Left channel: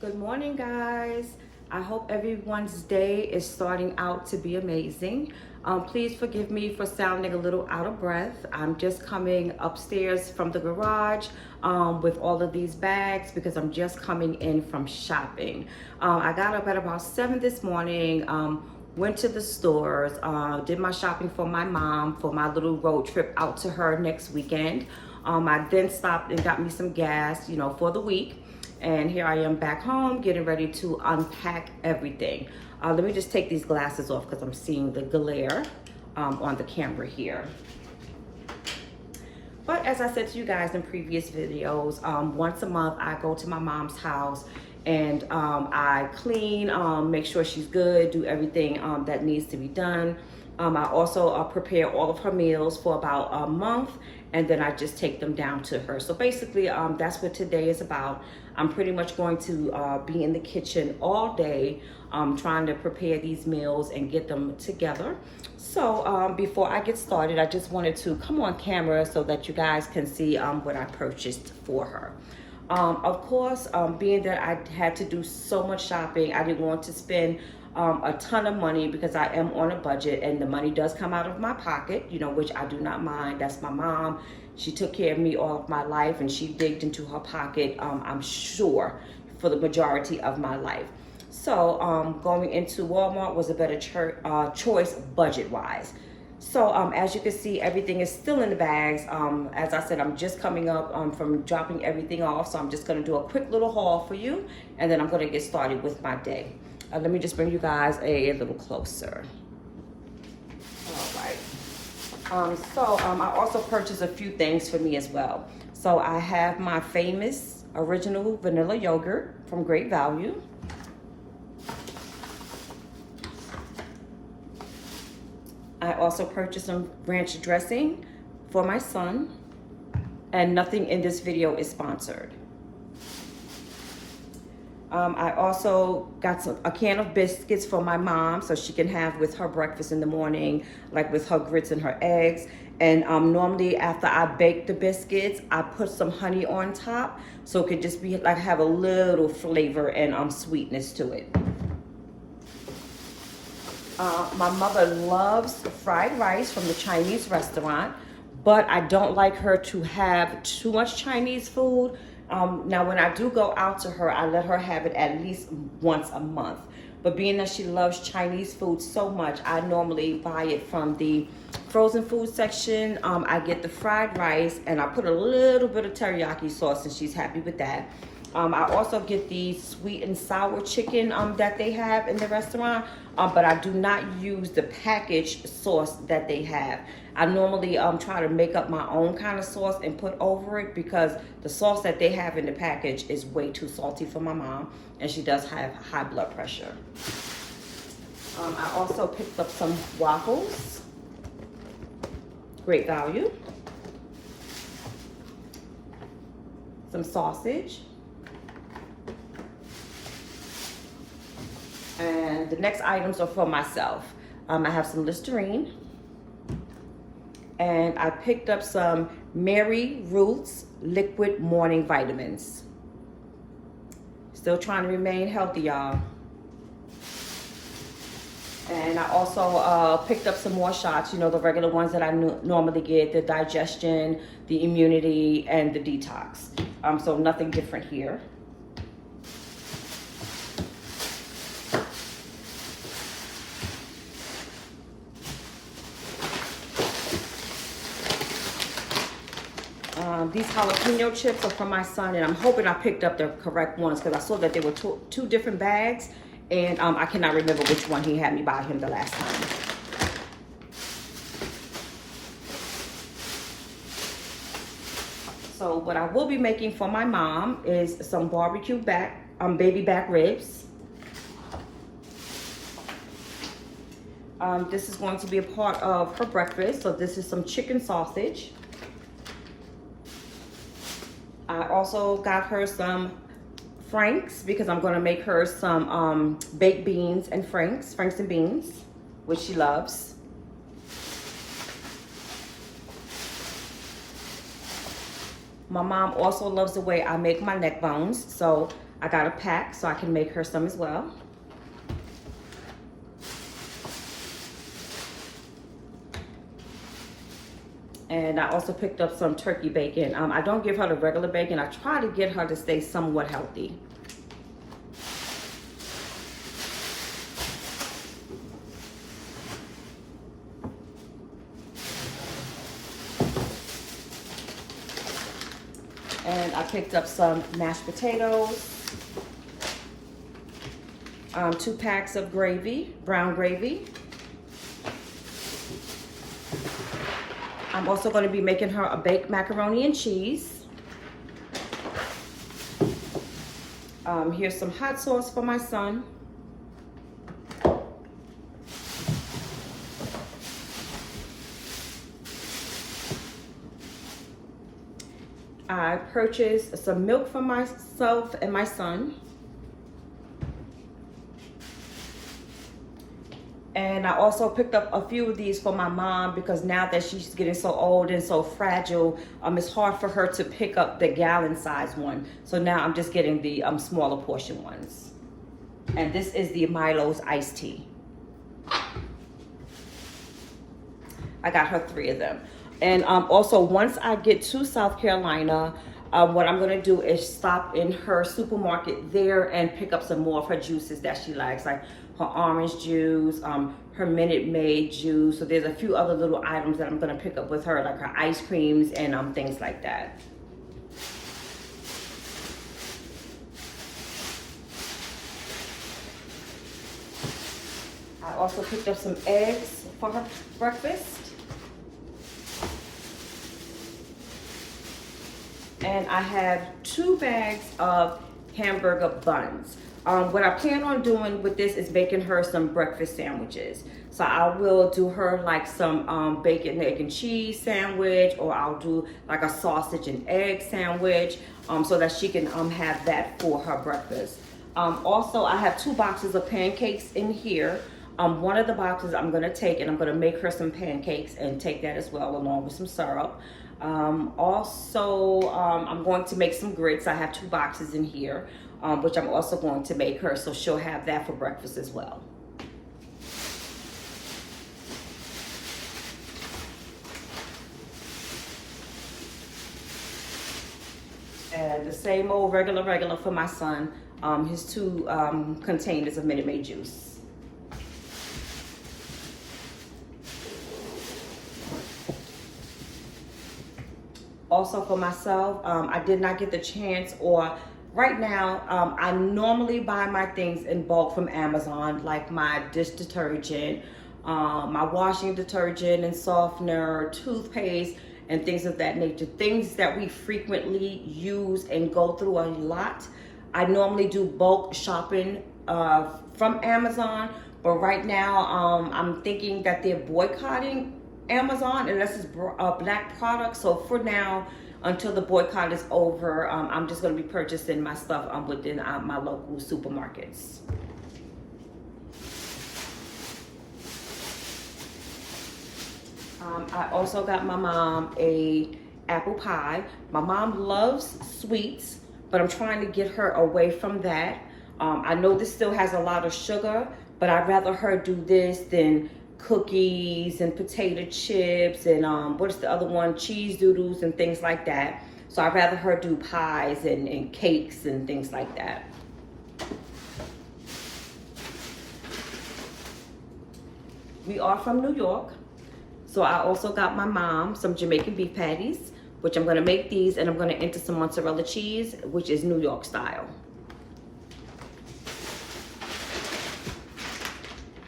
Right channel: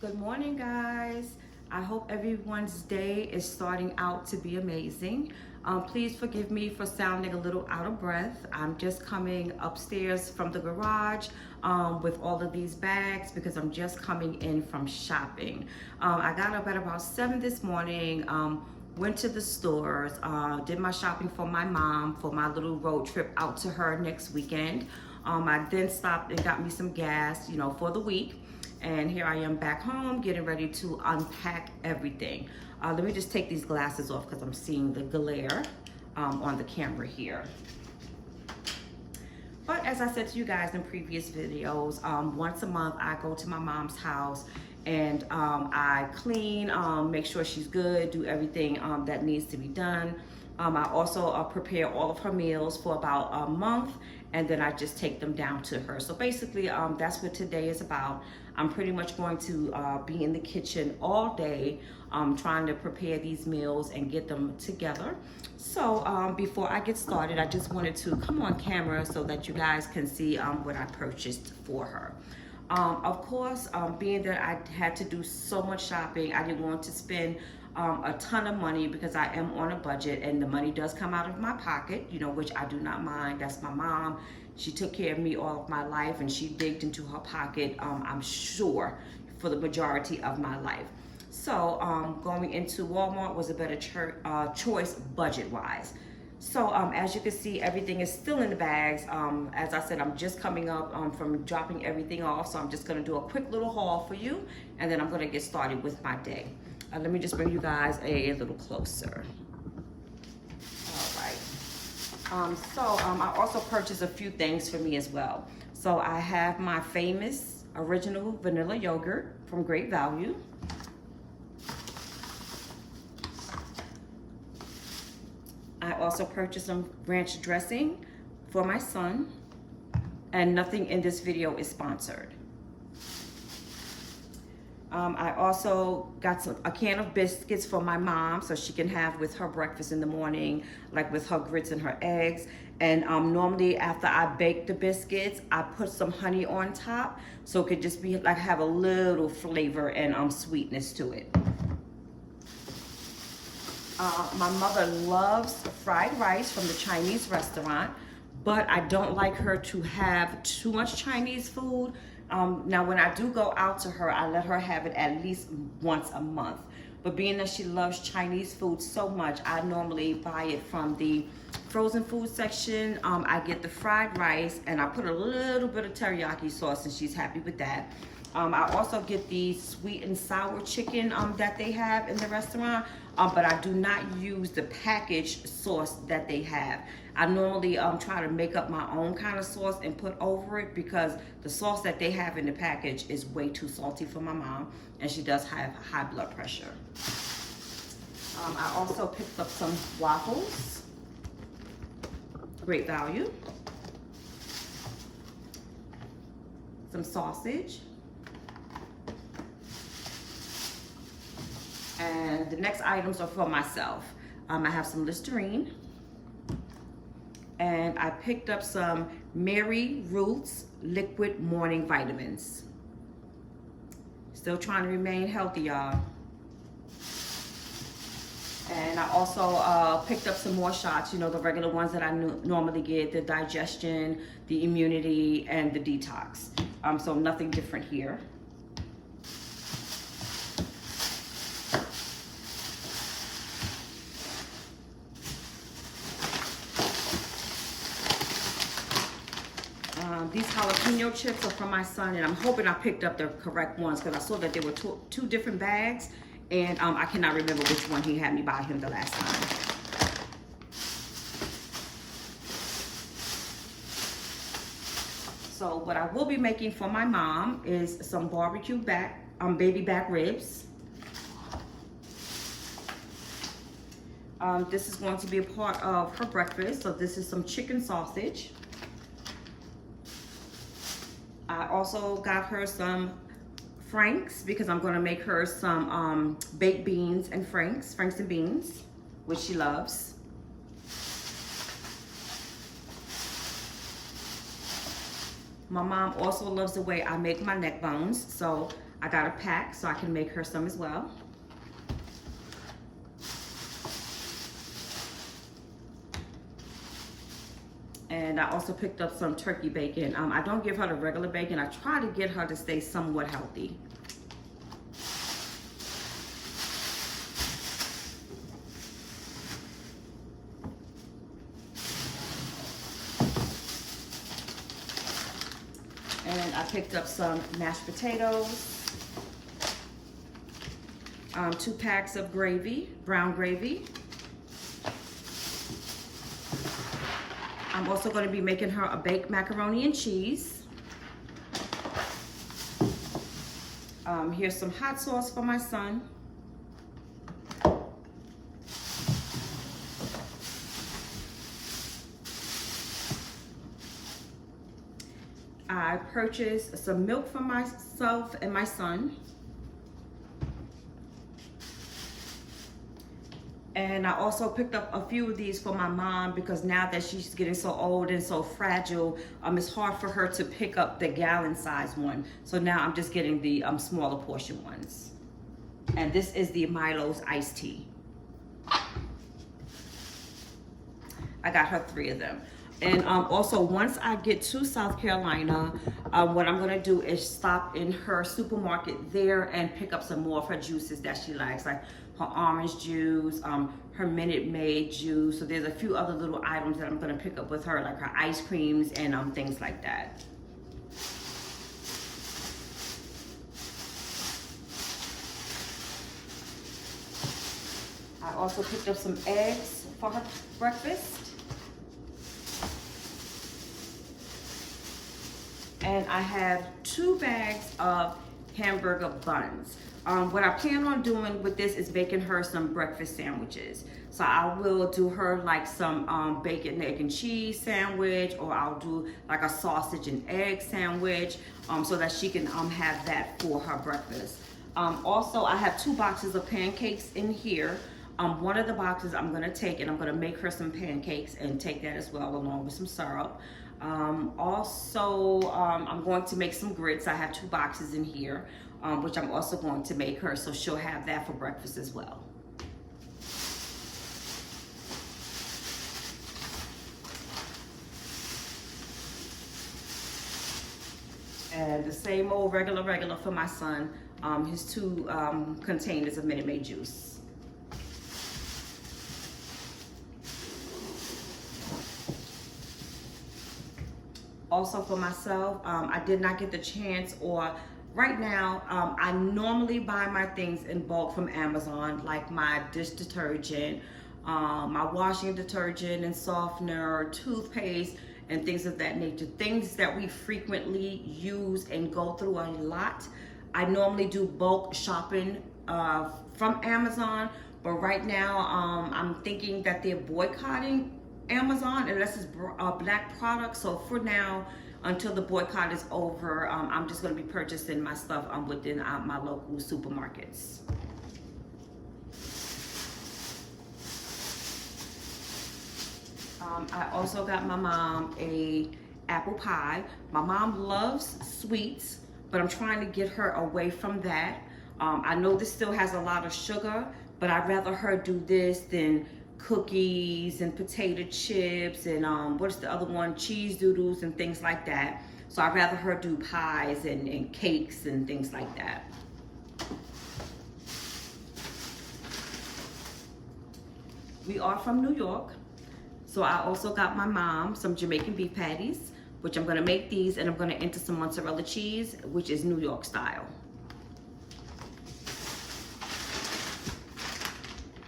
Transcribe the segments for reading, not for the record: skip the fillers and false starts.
Good morning, guys. I hope everyone's day is starting out to be amazing. Please forgive me for sounding a little out of breath. I'm just coming upstairs from the garage with all of these bags because I'm just coming in from shopping. I got up at about 7 this morning, went to the stores, did my shopping for my mom for my little road trip out to her next weekend. I then stopped and got me some gas, for the week. And here I am back home getting ready to unpack everything. Let me just take these glasses off because I'm seeing the glare on the camera here. But as I said to you guys in previous videos, once a month I go to my mom's house and I clean, make sure she's good, do everything that needs to be done. I also prepare all of her meals for about a month, and then I just take them down to her. So basically, that's what today is about. I'm pretty much going to be in the kitchen all day, trying to prepare these meals and get them together. So before I get started, I just wanted to come on camera so that you guys can see what I purchased for her. Of course, being that I had to do so much shopping, I didn't want to spend a ton of money because I am on a budget and the money does come out of my pocket, which I do not mind. That's my mom. She took care of me all of my life and she digged into her pocket, I'm sure, for the majority of my life. So going into Walmart was a better choice budget-wise. So as you can see, everything is still in the bags. As I said, I'm just coming up from dropping everything off. So I'm just gonna do a quick little haul for you and then I'm gonna get started with my day. Let me just bring you guys a little closer. All right. I also purchased a few things for me as well. So I have my famous original vanilla yogurt from Great Value. I also purchased some ranch dressing for my son, and nothing in this video is sponsored. I also got a can of biscuits for my mom so she can have with her breakfast in the morning, like with her grits and her eggs. And normally after I bake the biscuits, I put some honey on top so it could just be like have a little flavor and sweetness to it. My mother loves fried rice from the Chinese restaurant, but I don't like her to have too much Chinese food. Now, when I do go out to her, I let her have it at least once a month. But being that she loves Chinese food so much, I normally buy it from the frozen food section. I get the fried rice and I put a little bit of teriyaki sauce and she's happy with that. I also get the sweet and sour chicken that they have in the restaurant, but I do not use the packaged sauce that they have. I normally try to make up my own kind of sauce and put over it because the sauce that they have in the package is way too salty for my mom, and she does have high blood pressure. I also picked up some waffles, Great Value, some sausage, and the next items are for myself. I have some Listerine, and I picked up some Mary Ruth's liquid morning vitamins. Still trying to remain healthy, y'all. And I also picked up some more shots, the regular ones that I normally get, the digestion, the immunity, and the detox. So nothing different here. These jalapeno chips are from my son, and I'm hoping I picked up the correct ones because I saw that they were two different bags, and I cannot remember which one he had me buy him the last time. So what I will be making for my mom is some barbecue baby back ribs. This is going to be a part of her breakfast. So this is some chicken sausage. I also got her some Franks because I'm gonna make her some baked beans and Franks and beans, which she loves. My mom also loves the way I make my neck bones, so I got a pack so I can make her some as well. And I also picked up some turkey bacon. I don't give her the regular bacon. I try to get her to stay somewhat healthy. And I picked up some mashed potatoes, 2 packs of gravy, brown gravy. I'm also going to be making her a baked macaroni and cheese. Here's some hot sauce for my son. I purchased some milk for myself and my son. And I also picked up a few of these for my mom because now that she's getting so old and so fragile, it's hard for her to pick up the gallon size one. So now I'm just getting the smaller portion ones. And this is the Milo's iced tea. I got her 3 of them. And also, once I get to South Carolina, what I'm gonna do is stop in her supermarket there and pick up some more of her juices that she likes, like her orange juice, her Minute Maid juice. So there's a few other little items that I'm gonna pick up with her, like her ice creams and things like that. I also picked up some eggs for her breakfast. And I have 2 bags of hamburger buns. What I plan on doing with this is making her some breakfast sandwiches. So I will do her like some bacon, egg, and cheese sandwich, or I'll do like a sausage and egg sandwich so that she can have that for her breakfast. Also, I have 2 boxes of pancakes in here. One of the boxes I'm gonna take and I'm gonna make her some pancakes and take that as well along with some syrup. Also, I'm going to make some grits. I have 2 boxes in here, which I'm also going to make her, so she'll have that for breakfast as well. And the same old regular for my son, his 2 containers of Minute Maid juice. Also for myself, I did not get the chance, or right now, I normally buy my things in bulk from Amazon, like my dish detergent, my washing detergent and softener, toothpaste, and things of that nature. Things that we frequently use and go through a lot. I normally do bulk shopping from Amazon, but right now, I'm thinking that they're boycotting Amazon unless it's black products. So for now, until the boycott is over, I'm just going to be purchasing my stuff within my local supermarkets. I also got my mom a apple pie. My mom loves sweets, but I'm trying to get her away from that. I know this still has a lot of sugar, but I'd rather her do this than cookies and potato chips and what's the other one, cheese doodles and things like that. So I'd rather her do pies and cakes and things like that. We are from New York, so I also got my mom some Jamaican beef patties, which I'm gonna make these, and I'm gonna enter some mozzarella cheese, which is New York style.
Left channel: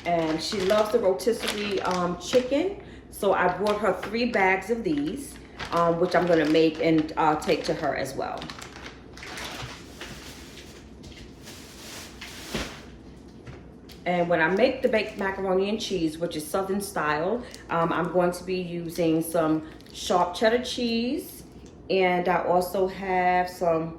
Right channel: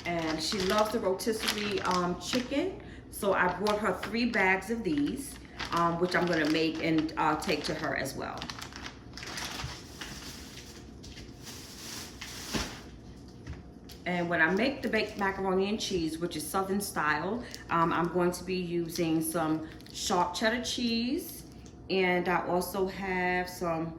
And she loves the rotisserie chicken, so I brought her 3 bags of these, which I'm gonna make and take to her as well. And when I make the baked macaroni and cheese, which is Southern style, I'm going to be using some sharp cheddar cheese, and I also have some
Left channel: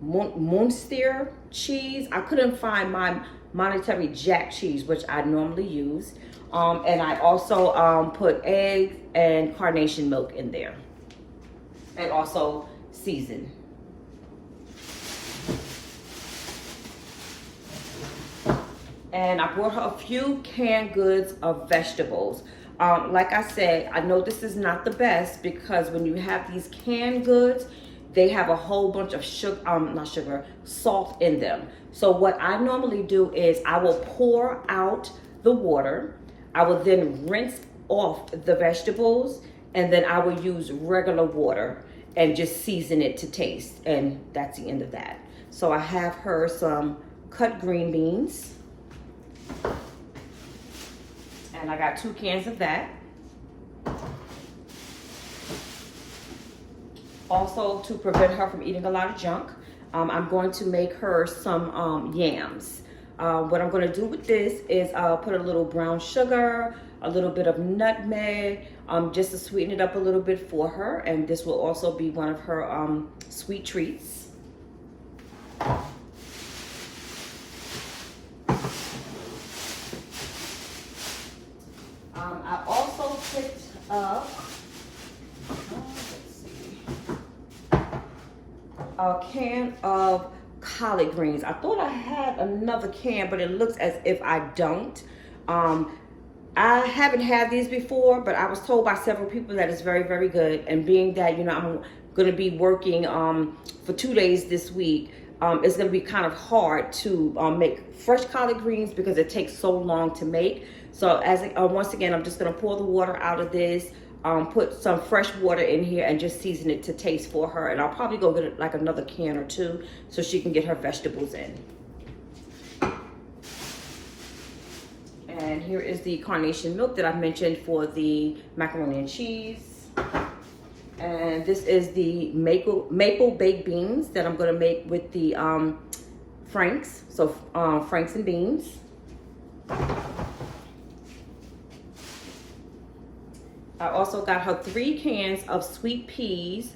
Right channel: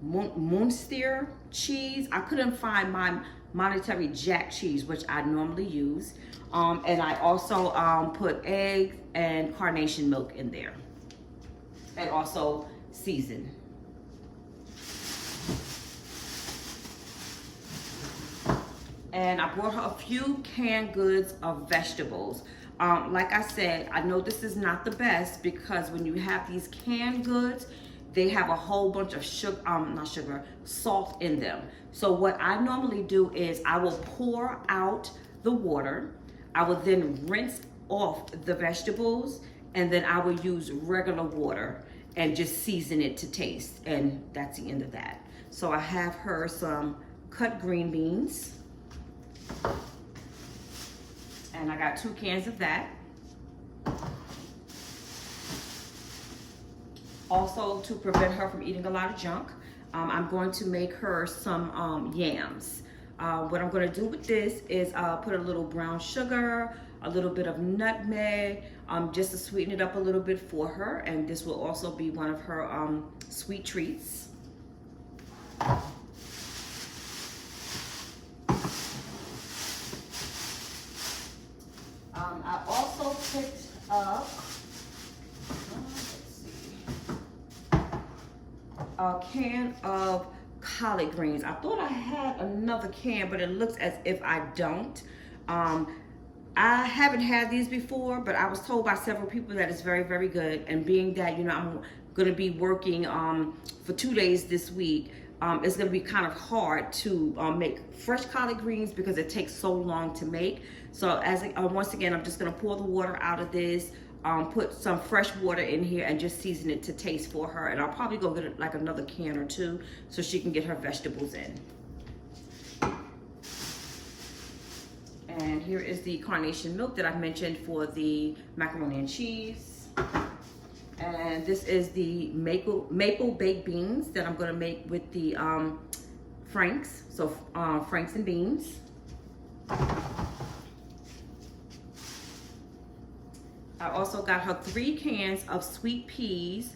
Munster cheese. I couldn't find my Monterey Jack cheese, which I normally use. And I also put eggs and carnation milk in there. And also season. And I brought her a few canned goods of vegetables. Like I said, I know this is not the best because when you have these canned goods, they have a whole bunch of salt in them. So what I normally do is I will pour out the water. I will then rinse off the vegetables, and then I will use regular water and just season it to taste. And that's the end of that. So I have her some cut green beans. And I got 2 cans of that. Also, to prevent her from eating a lot of junk, I'm going to make her some yams. What I'm going to do with this is put a little brown sugar, a little bit of nutmeg, just to sweeten it up a little bit for her. And this will also be one of her sweet treats. I also picked up, a can of collard greens. I thought I had another can, but it looks as if I don't. I haven't had these before, but I was told by several people that it's very, very good. And being that, you know, I'm going to be working for 2 days this week, it's going to be kind of hard to make fresh collard greens because it takes so long to make. So once again, I'm just going to pour the water out of this, put some fresh water in here, and just season it to taste for her. And I'll probably go get like another can or 2 so she can get her vegetables in. And here is the carnation milk that I mentioned for the macaroni and cheese. And this is the maple baked beans that I'm going to make with the Franks. So Franks and beans. I also got her 3 cans of sweet peas,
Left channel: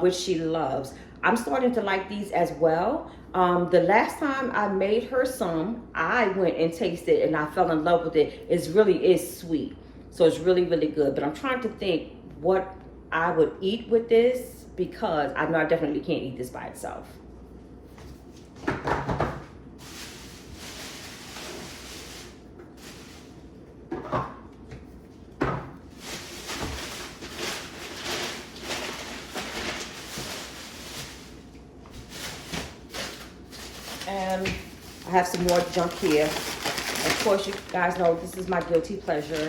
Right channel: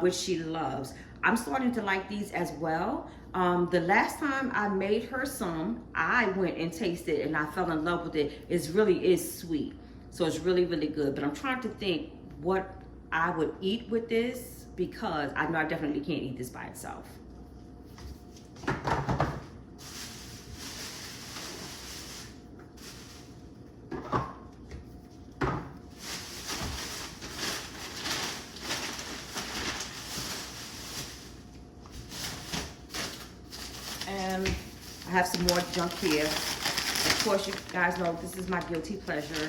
which she loves. I'm starting to like these as well. The last time I made her some, I went and tasted and I fell in love with it. It really is sweet. So it's really, really good. But I'm trying to think what I would eat with this because I know I definitely can't eat this by itself. And I have some more junk here. Of course, you guys know this is my guilty pleasure.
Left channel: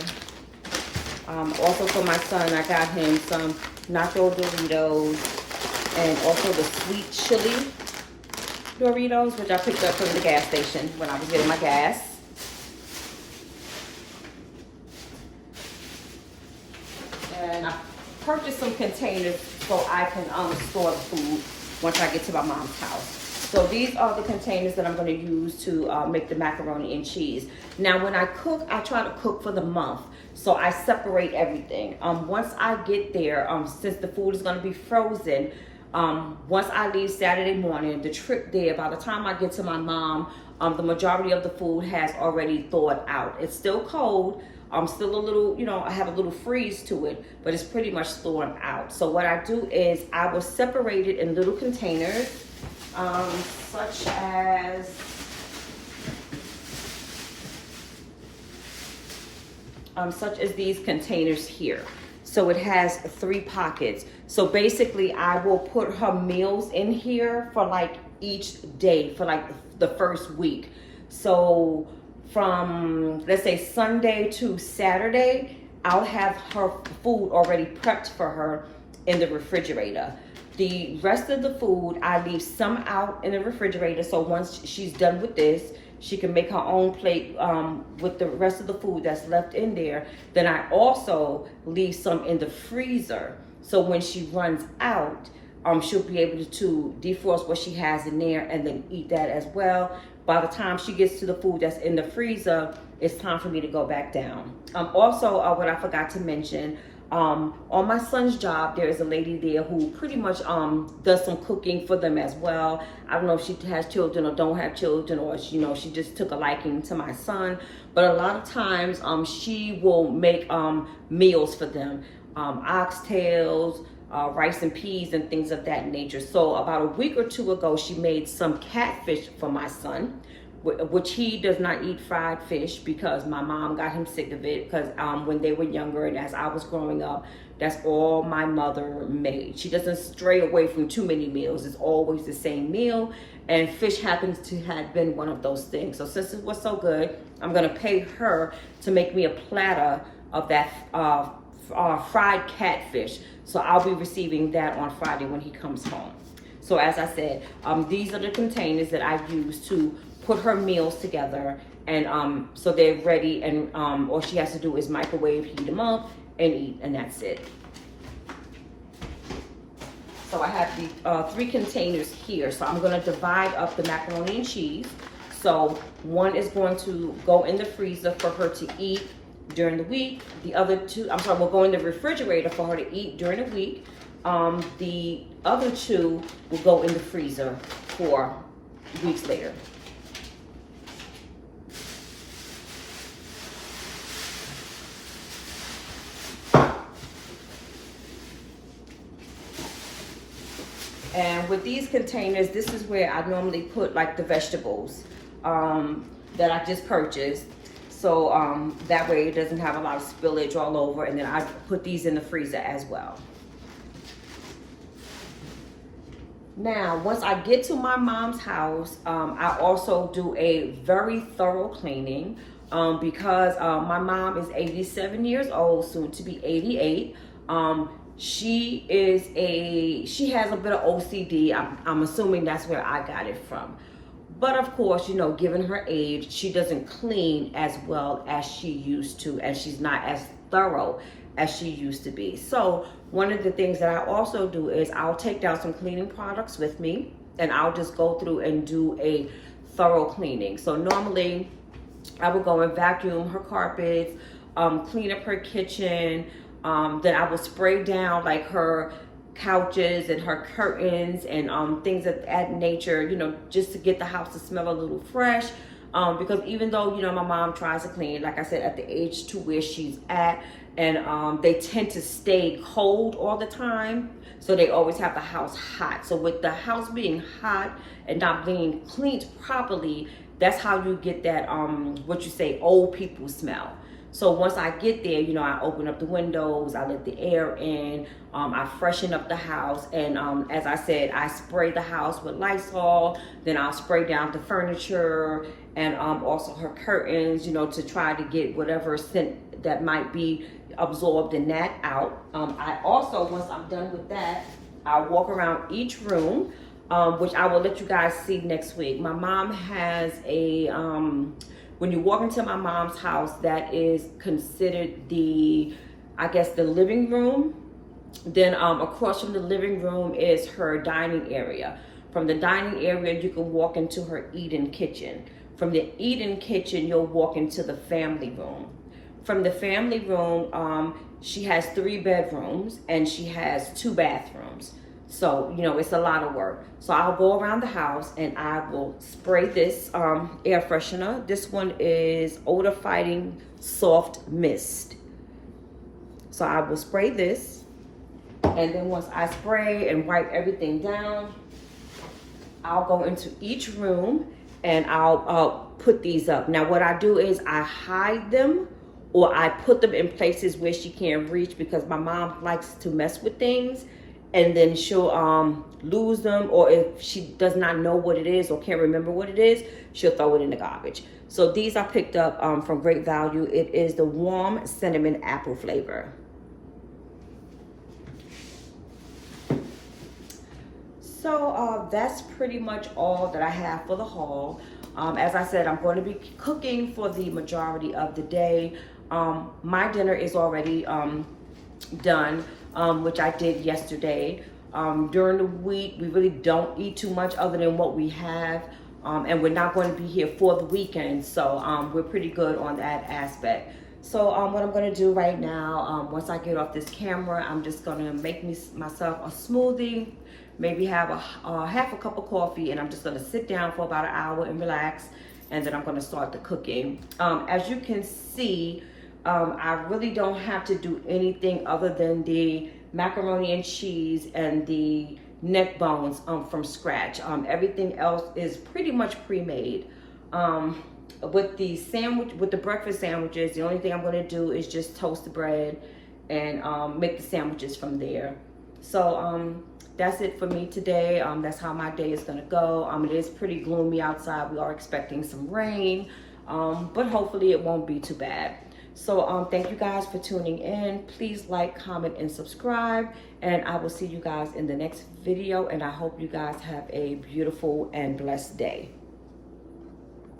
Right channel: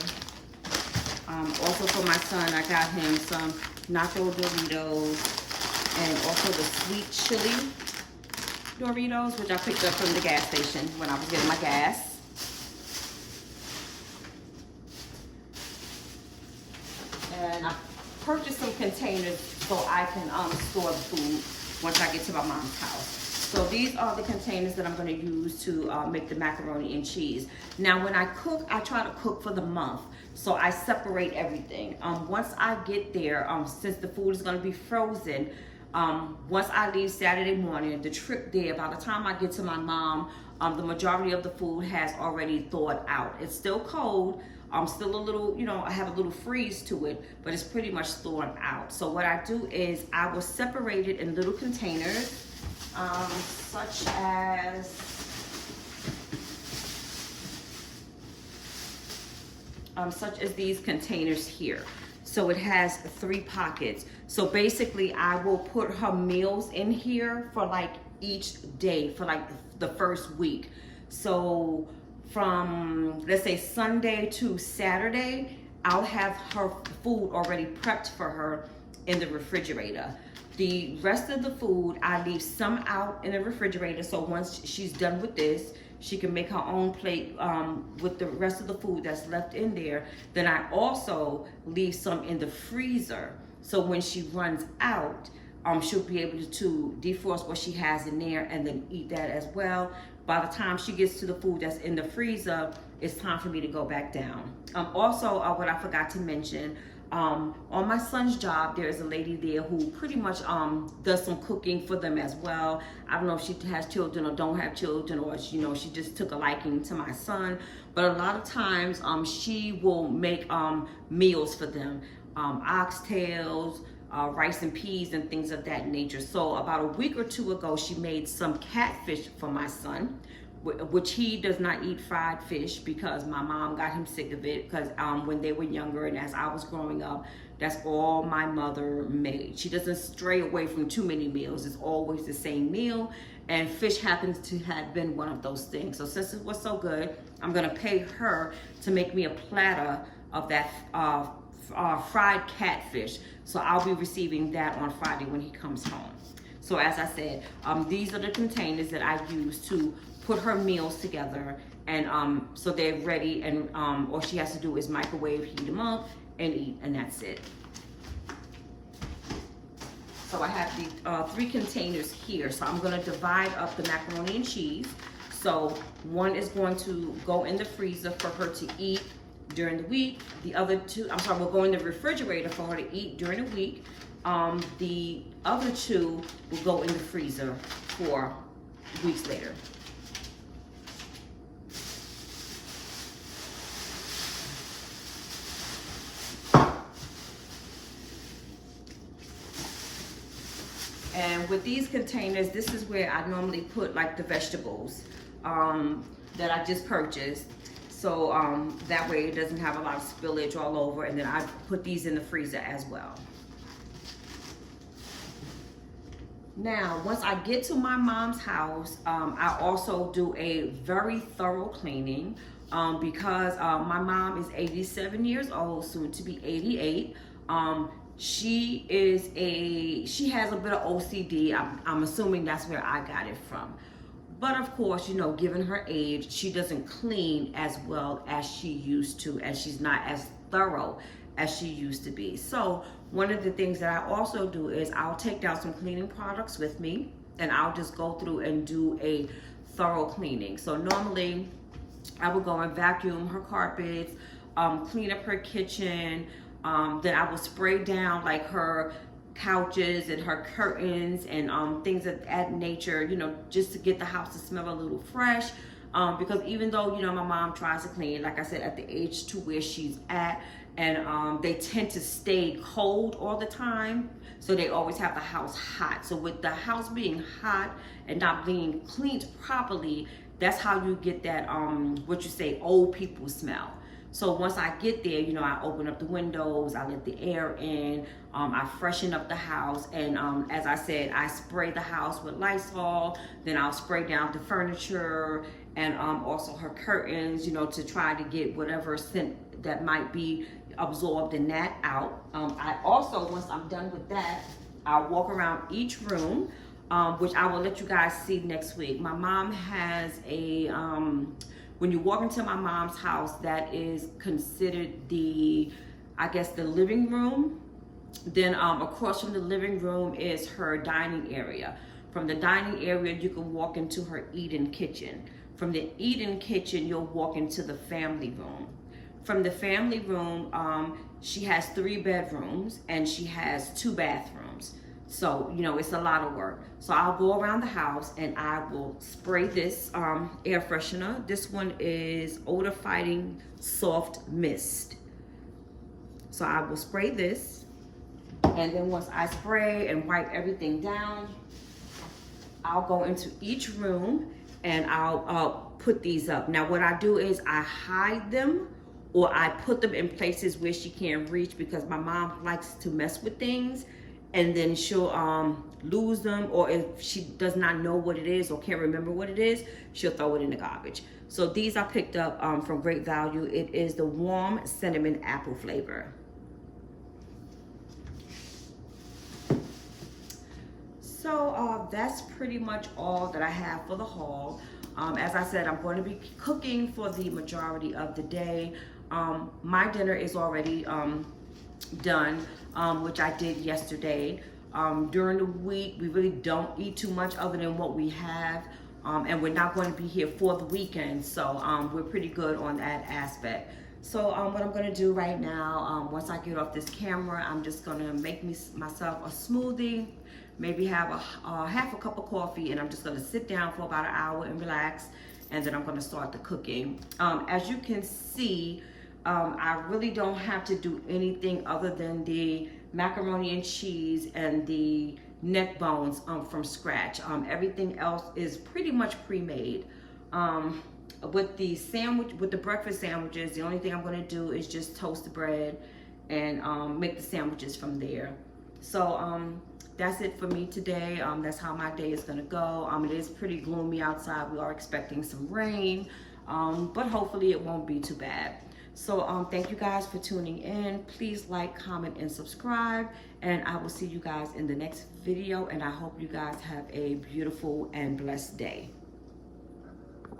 Also for my son, I got him some Nacho Doritos and also the sweet chili Doritos, which I picked up from the gas station when I was getting my gas. And I purchased some containers so I can store the food once I get to my mom's house. So these are the containers that I'm going to use to make the macaroni and cheese. Now, when I cook, I try to cook for the month. So I separate everything. Once I get there, since the food is going to be frozen, once I leave Saturday morning, the trip there, by the time I get to my mom, the majority of the food has already thawed out. It's still cold. Still a little, you know, I have a little freeze to it, but it's pretty much thawed out. So what I do is I will separate it in little containers. Such as these containers here. So it has 3 pockets. So basically I will put her meals in here for like each day for like the first week. So from, let's say, Sunday to Saturday, I'll have her food already prepped for her in the refrigerator. The rest of the food, I leave some out in the refrigerator. So once she's done with this, she can make her own plate with the rest of the food that's left in there. Then I also leave some in the freezer. So when she runs out, she'll be able to defrost what she has in there and then eat that as well. By the time she gets to the food that's in the freezer, it's time for me to go back down. Also, what I forgot to mention, on my son's job, there is a lady there who pretty much does some cooking for them as well. I don't know if she has children or don't have children, or she just took a liking to my son. But a lot of times she will make meals for them, oxtails, rice and peas and things of that nature. So about a week or two ago, she made some catfish for my son, which he does not eat fried fish because my mom got him sick of it because when they were younger and as I was growing up, that's all my mother made. She doesn't stray away from too many meals. It's always the same meal, and fish happens to have been one of those things. So since it was so good, I'm gonna pay her to make me a platter of that fried catfish. So I'll be receiving that on Friday when he comes home. So as I said, these are the containers that I use to put her meals together, and so they're ready, and all she has to do is microwave, heat them up, and eat, and that's it. So I have the 3 containers here. So I'm gonna divide up the macaroni and cheese. So one is going to go in the freezer for her to eat during the week. The other 2, will go in the refrigerator for her to eat during the week. The other 2 will go in the freezer for weeks later. And with these containers, this is where I normally put like the vegetables that I just purchased. So that way it doesn't have a lot of spillage all over. And then I put these in the freezer as well. Now, once I get to my mom's house, I also do a very thorough cleaning because my mom is 87 years old, soon to be 88. She has a bit of OCD. I'm assuming that's where I got it from. But of course, you know, given her age, she doesn't clean as well as she used to, and she's not as thorough as she used to be. So one of the things that I also do is I'll take down some cleaning products with me, and I'll just go through and do a thorough cleaning. So normally I will go and vacuum her carpets, clean up her kitchen, then I will spray down like her couches and her curtains and things of that nature, you know, just to get the house to smell a little fresh. Because even though, you know, my mom tries to clean, like I said, at the age to where she's at, and they tend to stay cold all the time, so they always have the house hot. So with the house being hot and not being cleaned properly, that's how you get that what you say, old people smell. So once I get there, you know, I open up the windows, I let the air in, I freshen up the house, and as I said, I spray the house with Lysol, then I'll spray down the furniture and also her curtains, you know, to try to get whatever scent that might be absorbed in that out. I also, once I'm done with that, I'll walk around each room, which I will let you guys see next week. My mom has a, when you walk into my mom's house, that is considered the, I guess, the living room. Then across from the living room is her dining area. From the dining area, you can walk into her eat-in kitchen. From the eat-in kitchen, you'll walk into the family room. From the family room, she has 3 bedrooms and she has 2 bathrooms. So, you know, it's a lot of work. So I'll go around the house and I will spray this air freshener. This one is Odor Fighting Soft Mist. So I will spray this. And then once I spray and wipe everything down, I'll go into each room and I'll put these up. Now what I do is I hide them, or I put them in places where she can't reach, because my mom likes to mess with things and then she'll lose them, or if she does not know what it is or can't remember what it is, she'll throw it in the garbage. So these I picked up from Great Value. It is the warm cinnamon apple flavor. So that's pretty much all that I have for the haul. As I said, I'm going to be cooking for the majority of the day. My dinner is already done, which I did yesterday. During the week, we really don't eat too much other than what we have, and we're not going to be here for the weekend, so we're pretty good on that aspect. So what I'm going to do right now, once I get off this camera, I'm just going to make myself a smoothie, maybe have half a cup of coffee, and I'm just going to sit down for about an hour and relax, and then I'm going to start the cooking. As you can see, I really don't have to do anything other than the macaroni and cheese and the neck bones from scratch. Everything else is pretty much pre-made. With the breakfast sandwiches, the only thing I'm gonna do is just toast the bread and make the sandwiches from there. So that's it for me today. That's how my day is gonna go. It is pretty gloomy outside. We are expecting some rain, but hopefully it won't be too bad. So thank you guys for tuning in. Please like, comment, and subscribe. And I will see you guys in the next video. And I hope you guys have a beautiful and blessed day.